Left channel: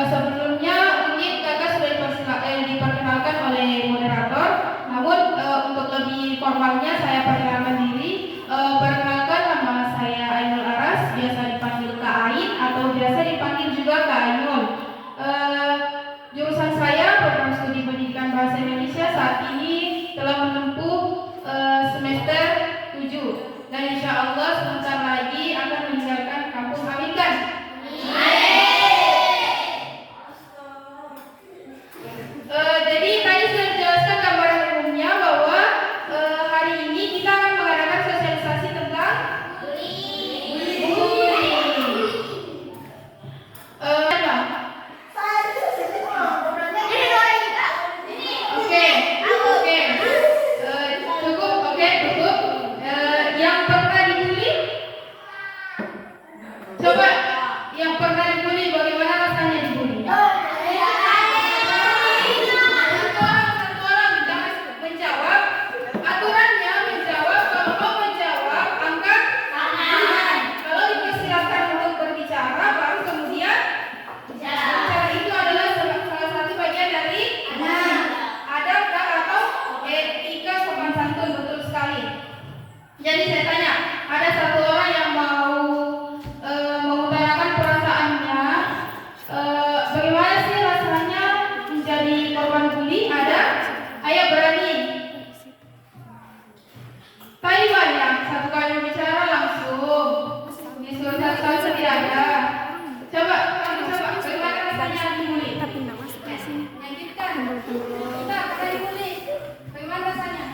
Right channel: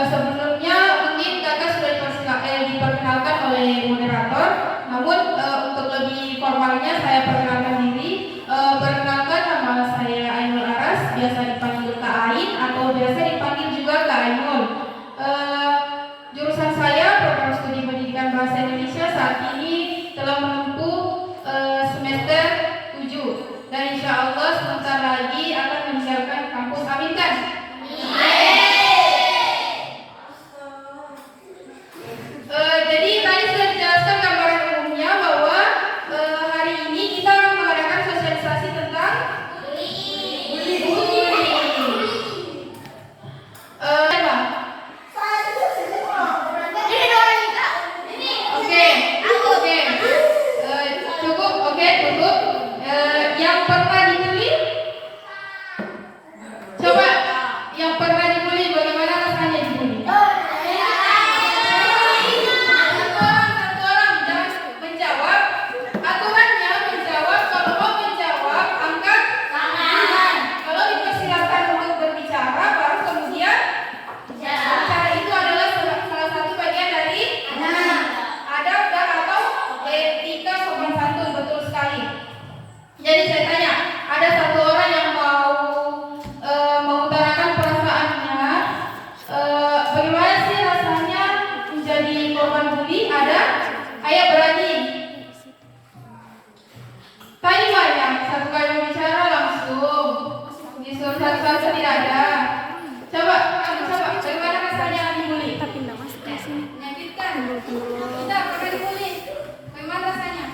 Sebelumnya mungkin kakak sudah diperkenalkan oleh moderator, namun untuk lebih formalnya saya perkenalkan diri. Perkenalkan, nama saya Ainul Aras, biasa dipanggil Kak Ain atau biasa dipanggil juga Kak Ainul. Jurusan saya program studi pendidikan bahasa Indonesia saat ini telah menempuh semester 7 dan insya Allah sebentar lagi akan meninggalkan kampus. Amin kan? Jadi tadi sudah dijelaskan gambaran umumnya bahwa hari ini kita akan mengadakan sosialisasi tentang bullying. Cukup. Yang pernah dibully? Coba, yang pernah dibully bagaimana rasanya dibully? Satu orang jangan menjawab. Aturannya menjawab, kalau mau menjawab angkat tangan. Kalau dipersilakan untuk berbicara baru kemudian bicara. Itu adalah salah satu bagian dari adab atau etika sopan santun, betul sekali. Jadi saya tanya, ada satu orang yang mau mengutarakan perasaannya, bagaimana sih rasanya menjadi korban bully? Ada? Ayo berani. Tadi banyak, satu kali bicara langsung disuruh satu-satu tidak ada. Coba, bagaimana rasanya dibully? Menyakitkan. Kita pernah dibully. Bagaimana rasanya?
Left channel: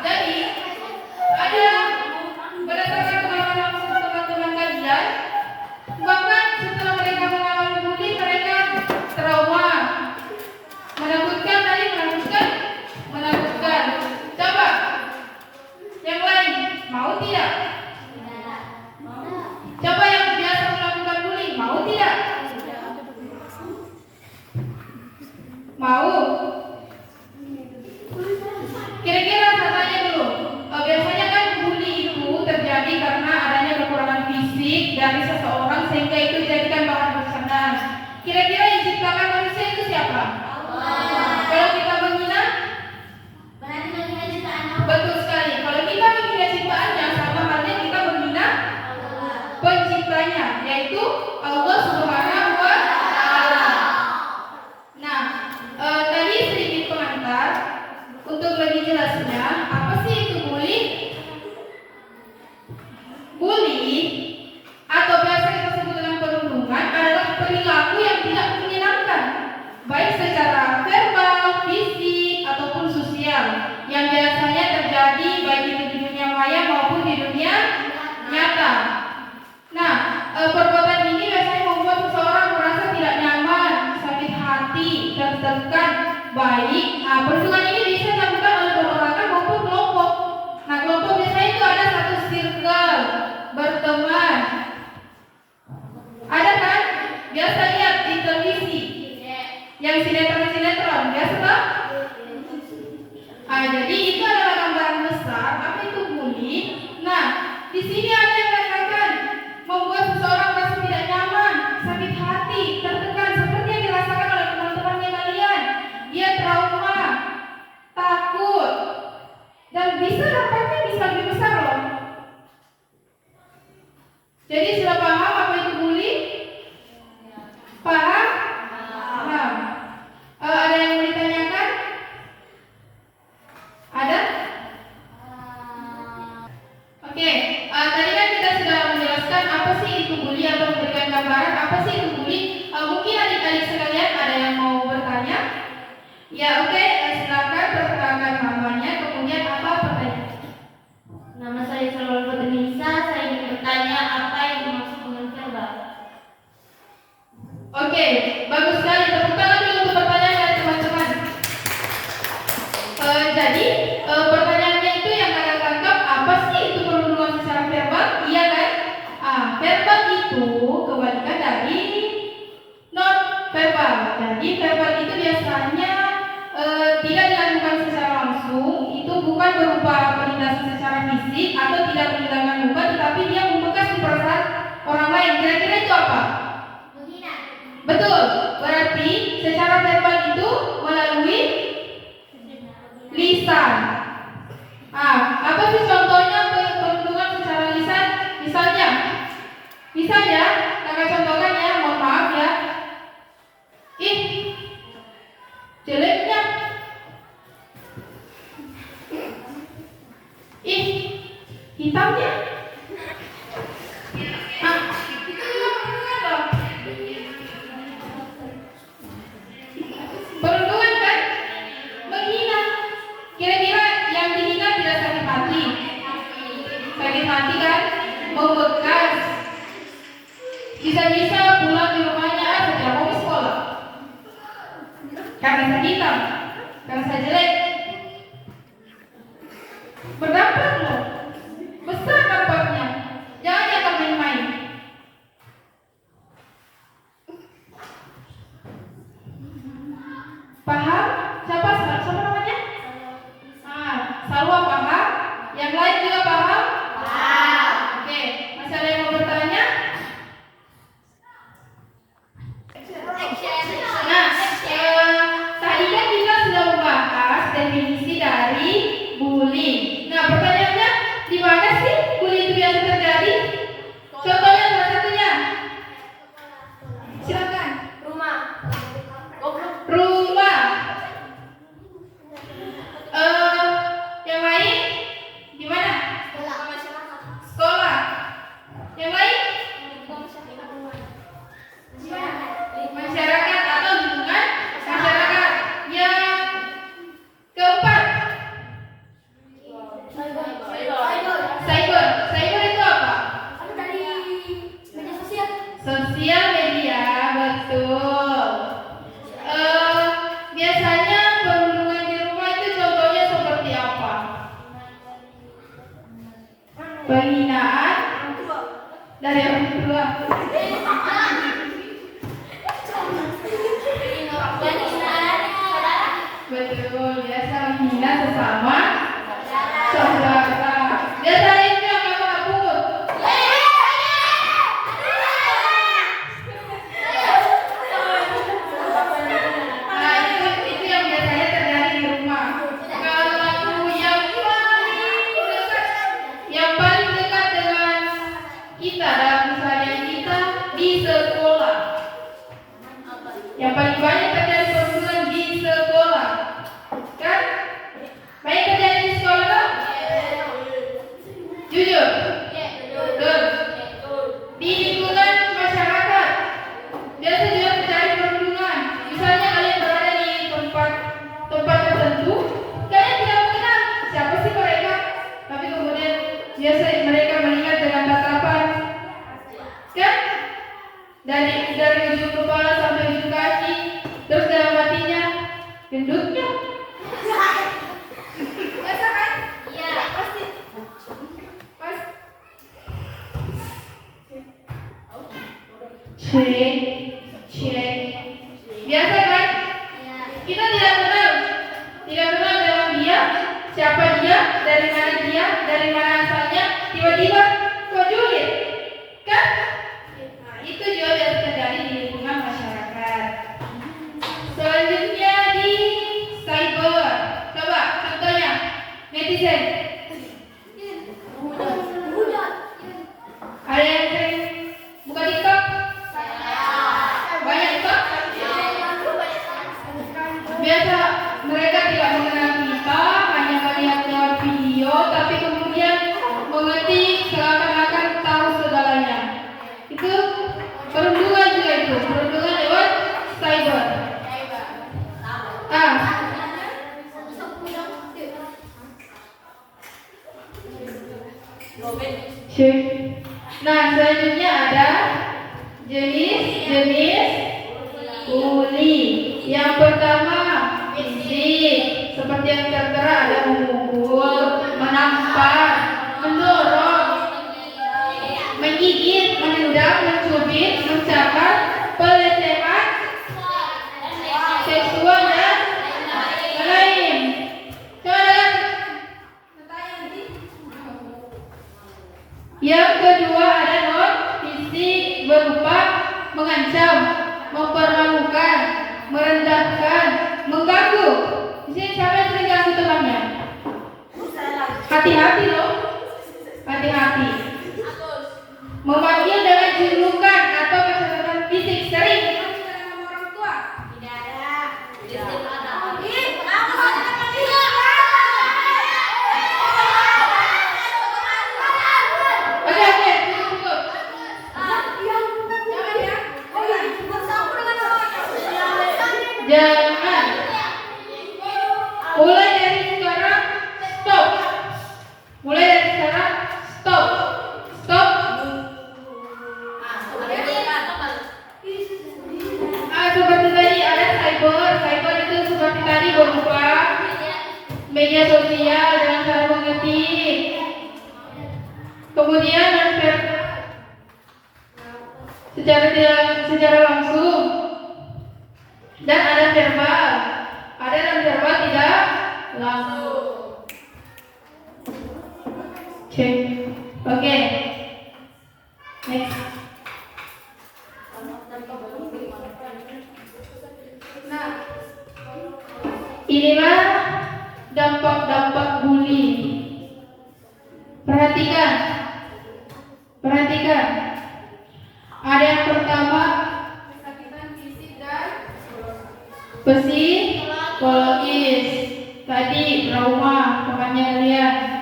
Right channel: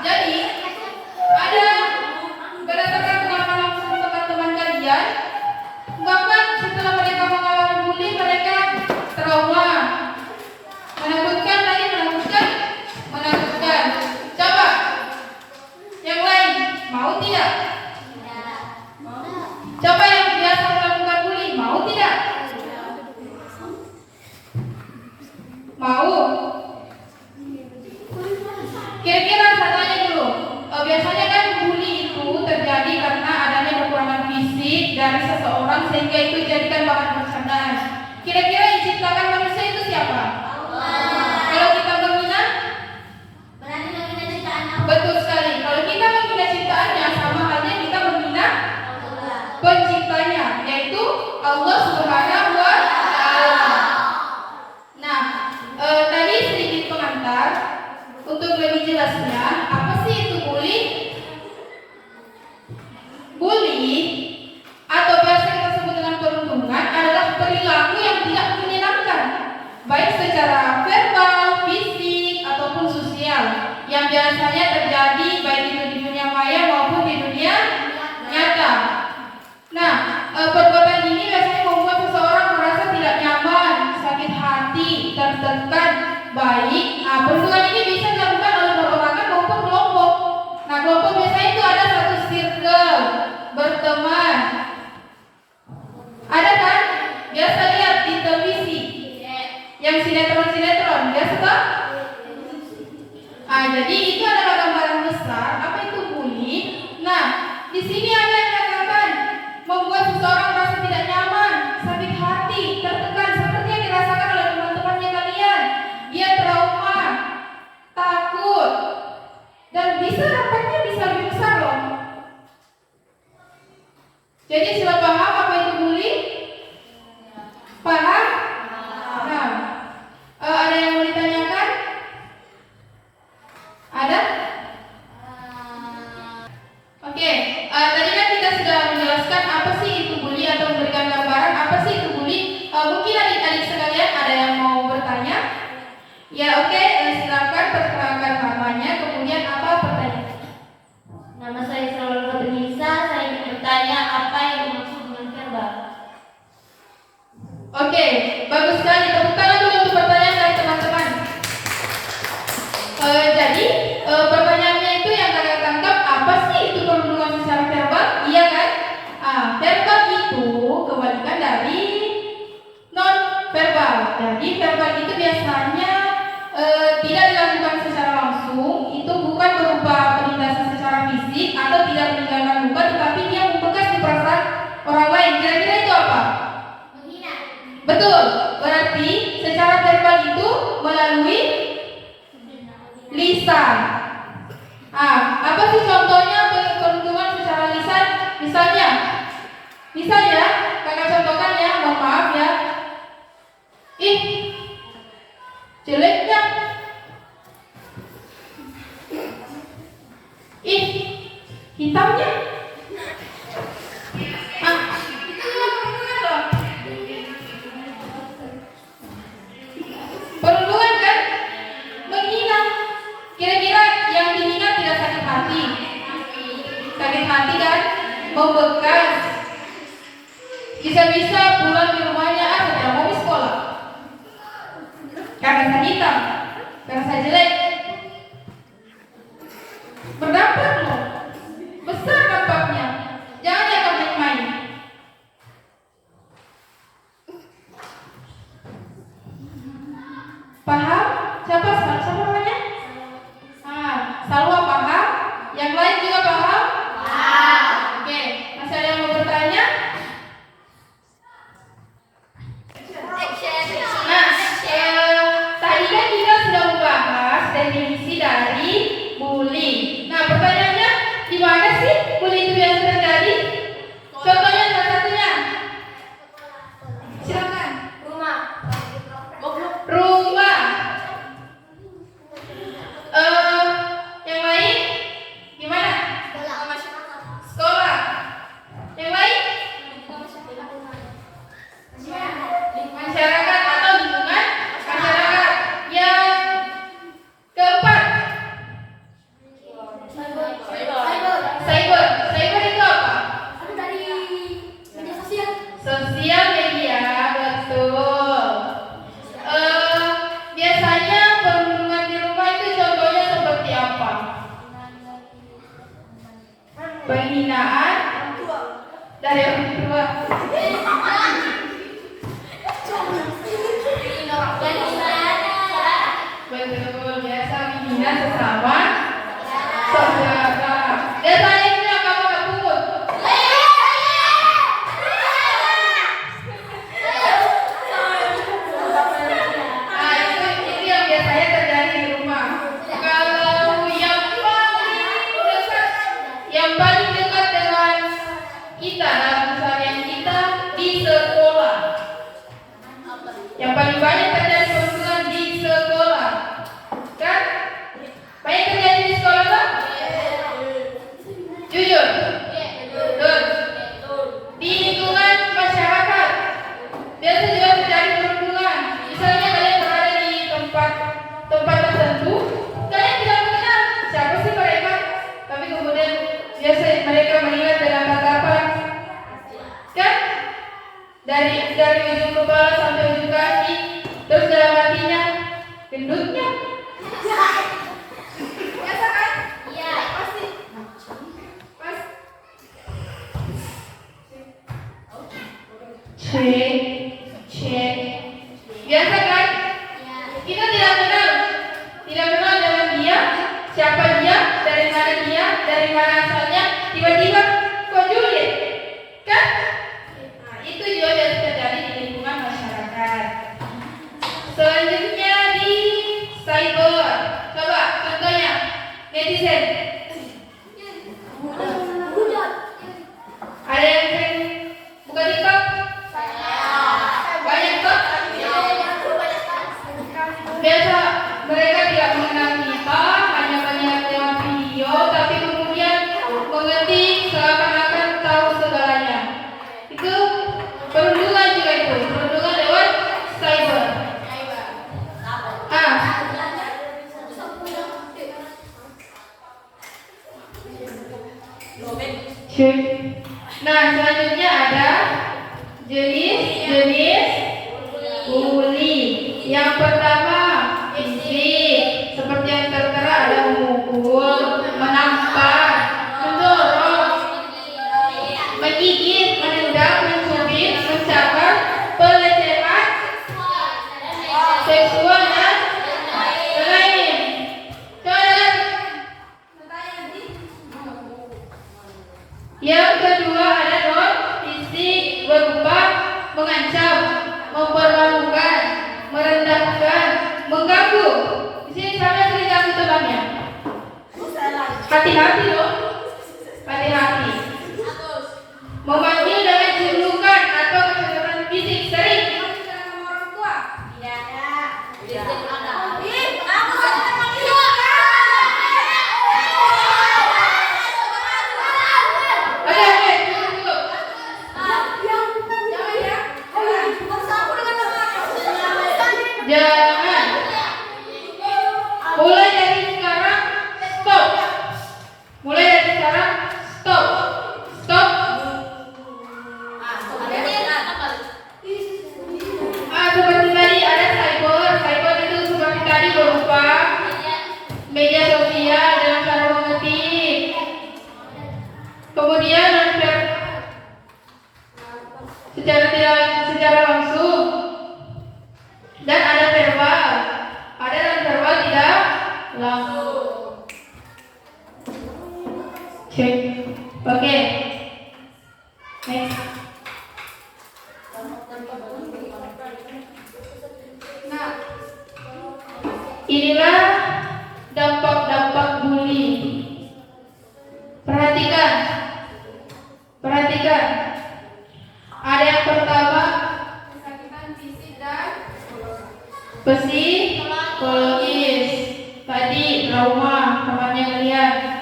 Jadi ada berdasarkan pengalaman langsung teman-teman kalian, bahkan setelah mereka mengalami bully mereka trauma, menakutkan. Coba yang lain mau tidak? Coba yang biasa melakukan bully mau tidak? Mau? Kira-kira saya tanya dulu, biasanya kan bully itu terjadi karena adanya kekurangan fisik dari seseorang sehingga itu dijadikan bahan bercandaan. Kira-kira yang ciptakan manusia itu siapa? Allah. Kalau kita menghina? Berarti menghina ciptaannya. Betul sekali. Kalau kita menghina ciptaannya, sama halnya kita menghina Allah, penciptanya, yaitu Allah Subhanahu wa Ta'ala. Nah, tadi sedikit pengantar. Untuk lebih jelasnya, apa sih itu bully? Bully atau biasa kita sebut dengan perundungan adalah perilaku yang tidak menyenangkan, baik secara verbal, fisik ataupun sosial, yang biasanya terjadi baik di dunia maya maupun di dunia nyata. Nah, perbuatan ini biasanya membuat seseorang merasa tidak nyaman, sakit hati, tertekan, baik. Perundungan ini bisa dilakukan oleh perorangan maupun kelompok. Nah, kelompok biasanya itu ada satu circle, berteman. Ada kan? Biasa lihat di televisi, yang sinetron, biasa tak? Jadi itu adalah gambaran besar apa itu bully. Nah, di sini ada yang mengatakan membuat seseorang merasa tidak nyaman, sakit hati, tertekan, seperti yang dirasakan oleh teman-temannya kalian. Dia trauma, takut, dan dampaknya bisa lebih besar loh. Jadi sudah paham apa itu bully? Paham? Paham. Ada yang mau ditanyakan? Ada? Oke. Tadi kan kita sudah menjelaskan apa sih itu bully atau memberikan gambaran apa sih itu bully. Mungkin adik-adik sekalian ada yang mau bertanya? Ya, oke. Silakan perkenalkan namanya, kemudian apa pertanyaan? Nama saya Salwa Fadlisa. Saya ingin bertanya apa yang dimaksud dengan verbal. Oke, bagus sekali. Tepuk tangan dulu untuk pertanyaan dari teman-teman. Jadi pertanyaannya itu yang kakak tangkap, apa sih itu perundungan secara verbal? Iya kan? Verbal itu kebalikan dari non verbal. Jadi verbal itu biasanya tidak dilakukan secara langsung, itu bukan berupa penindasan secara fisik atau tidak meninggalkan luka, tetapi dia membekas di perasaan orang lain. Kira-kira itu apa? Menghina. Betul, berarti secara verbal itu melalui lisan. Apa sih contohnya perundungan secara lisan? Misalnya, kakak contohkan ya, mohon maaf ya. Jeleknya. Hitamnya. Perundungan kan? Menghina. Kira-kira yang dihina tidak sakit hati? Sakit hati kan? Membekas. Bisa-bisa pulang di rumahnya tidak mau sekolah. Karena saya hitam, karena saya jelek. Berdampak loh. Besar dampaknya. Jangan yang main-main. Paham? Siapa namanya? Salwa paham? Yang lain juga paham? Oke, masih ada yang mau bertanya? Tadi kan kita sudah membahas definisi dari bullying. Nah, pertanyaannya, di mana sih bullying itu biasa terjadi? Contohnya salah satunya. Silakan. Rumah. Yang lain gimana? Sekolah. Yang lain? Masyarakat atau lingkungan masyarakat. Yang keempat, cyber itu apa? Sosial media, betul. Biasanya perundungan di rumah itu contohnya seperti apa? Penghinaan dari orang tua. Betul, biasa menghina sesama saudara. Biasanya itu yang kamu gak pungut. Itu yang biasanya terjadi di rumah. Kalau yang paling dekat dengan kita dalam keseharian kita di sekolah. Yang paling banyak terjadi perundungan di sekolah, kan? Banyak terjadi di sekolah kan? Jujur? Betul. Di lingkungan masyarakat biasa juga terjadi perundungan. Misalnya kalian berada di tempat tertentu, kalian tidak mengenal siapa sih mereka, tapi kemudian biasa mereka melihat dalam tatapan, kan? Dari ujung kepala sampai ujung kaki, terus dalam hatinya gendutnya. Biasa kan? Iya. Pasti. Cek. Biasa kan? Kita tidak kenal dengan dia, siapa dia, dari mana asalnya, tiba-tiba kok julid, kan? Itu juga biasa terjadi di lingkungan masyarakat. Selanjutnya di cyber. Coba contohnya netizen. Ada yang sering buka TikTok? Banyak kok? Biasa mereka tidak mengenal kita, hanya melihat lewat video, tapi kemudian mengetik seakan-akan tahu segalanya. Itu perundungan juga itu, perundungan lewat cyber. Nah, selanjutnya ada jenis bully. Yang pertama, fisik, seperti yang tertera ada memukul, menampar, mendorong, menggigit, menendang, mencubit, mencakar, pelecehan seksual dan lain. Yang kedua ada non fisik berupa mengancam, mempermalukan, merendahkan, mengganggu. Di sini siapa yang sering ganggu temannya? Hati-hati loh, hati-hati. Memanggil dengan julukan atau kekerasan fisik sering. Orang tua? Tidak ada. Oke, cukup. Jangan. Mulai dari sekarang stop. Mulai dari sekarang stop. Stop. Seperti tadi ada cyber. Cyber itu seperti tadi berupa media sosial dalam cara mengetik. Kemudian secara langsung. Dan ada verbal. Ada non-verbal tidak langsung. Cek. Oke. Next. Nah, inilah dampak-dampak bully. Perhatikan. Ada yang pertama, kesakitan fisik dan psikologis. Tadi trauma temannya kalian.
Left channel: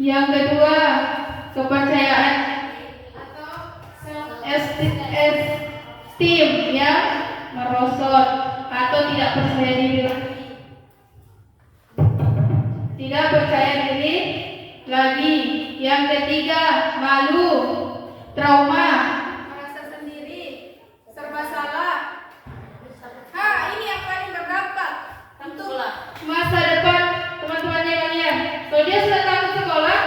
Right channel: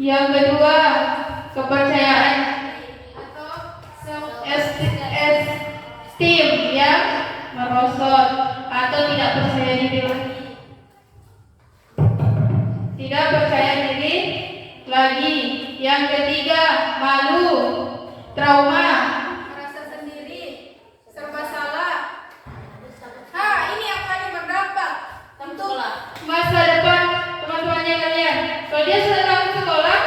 Yang kedua, kepercayaan atau self-esteem yang merosot atau tidak percaya diri lagi. Tidak percaya diri lagi. Yang ketiga, malu, trauma, merasa sendiri, serba salah. Ini yang paling berdampak untuk masa depan teman-temannya kalian. Kalau dia sudah takut sekolah,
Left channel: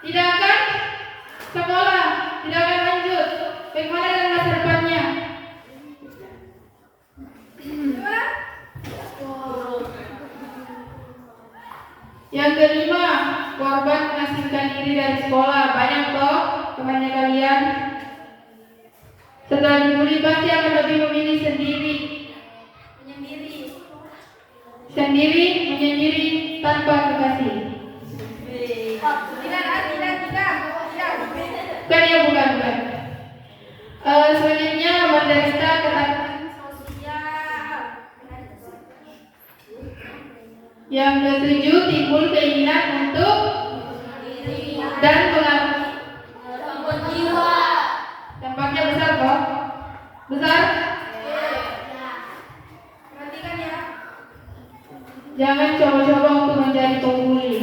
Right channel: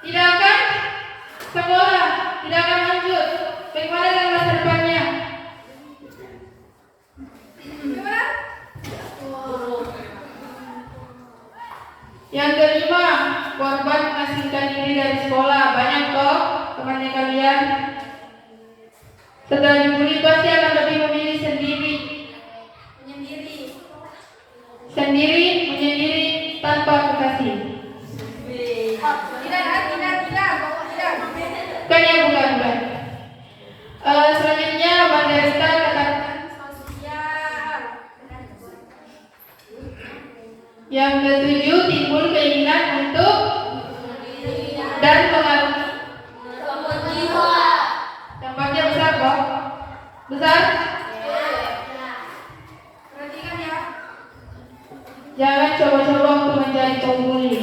tidak akan sekolah, tidak akan lanjut. Bagaimana dengan masa depannya? Yang kelima, korban mengasingkan diri dari sekolah. Banyak kok temannya kalian. Setelah dibully pasti akan lebih memilih menyendiri tanpa kekasih. Tidak. Kan ya bukan. Selanjutnya menderita ketakutan sosial. Yang ketujuh, timbul keinginan untuk dan mengalami dampaknya besar kok. Besar? Perhatikan ya. Jangan coba-coba untuk menjadi pembuli.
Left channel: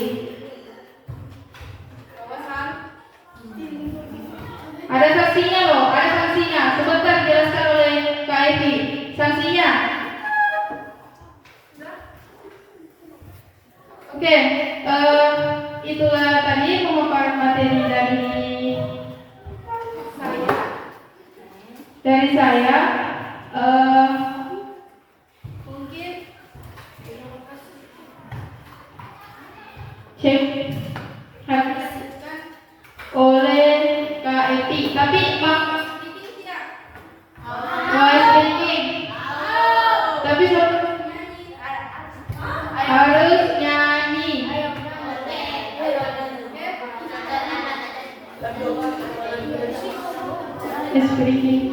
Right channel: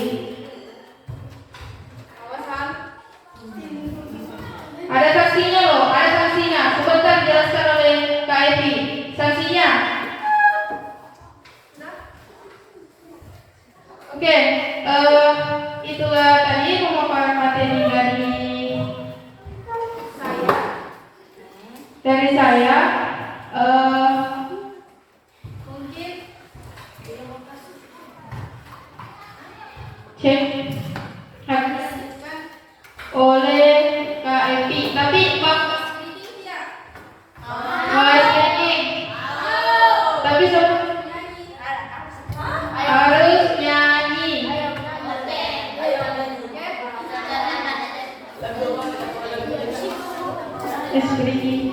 Ada sanksinya loh, ada sanksinya. Sebentar dijelaskan oleh Kak Evi. Sanksinya. Oke, itulah tadi pemaparan materi dari saya. Mungkin cek oleh Kak Evi. Tapi tapi harus nyanyi. Speaking.